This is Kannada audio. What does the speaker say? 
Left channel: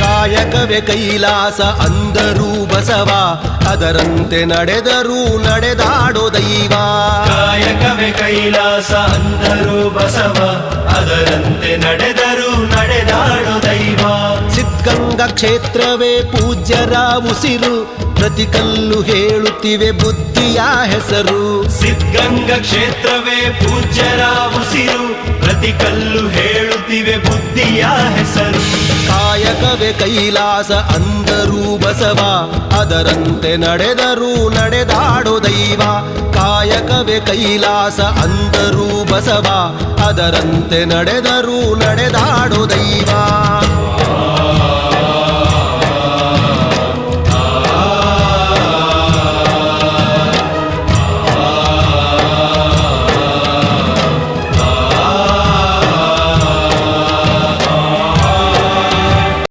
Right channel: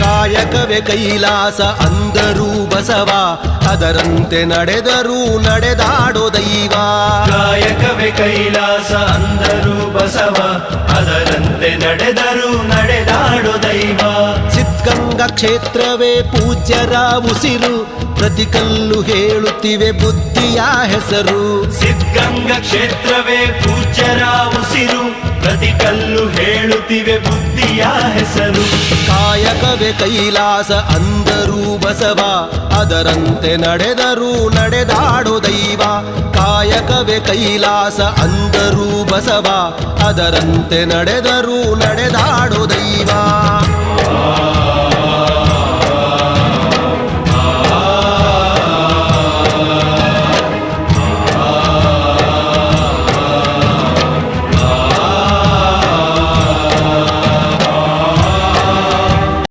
ಕಾಯಕವೇ ಕೈಲಾಸ ಅಂದರೂ ಬಸವ, ಅದರಂತೆ ನಡೆದರೂ ನಡೆದಾಡೋ ದೈವ. ಕಾಯಕವೇ ಕೈಲಾಸ ಅಂದರೂ ಬಸವ, ಅದರಂತೆ ನಡೆದರೂ ನಡೆದಾಡೋ ದೈವ. ಸಿದ್ಧಗಂಗಾ ಕ್ಷೇತ್ರವೇ ಪೂಜ್ಯರ ಉಸಿರು, ಪ್ರತಿ ಕಲ್ಲು ಹೇಳುತ್ತಿವೆ ಬುದ್ಧಿಯ ಹೆಸರು. ಸಿದ್ಧಗಂಗಾ ಕ್ಷೇತ್ರವೇ ಪೂಜ್ಯರ ಉಸಿರು, ಪ್ರತಿ ಕಲ್ಲು ಹೇಳುತ್ತಿವೆ ಬುದ್ಧಿಯ ಹೆಸರು. ಕಾಯಕವೇ ಕೈಲಾಸ ಅಂದರೂ ಬಸವ, ಅದರಂತೆ ನಡೆದರೂ ನಡೆದಾಡೋ ದೈವ. ಕಾಯಕವೇ ಕೈಲಾಸ ಅಂದರೂ ಬಸವ, ಅದರಂತೆ ನಡೆದರೂ ನಡೆದಾಡೋ ದೈವ.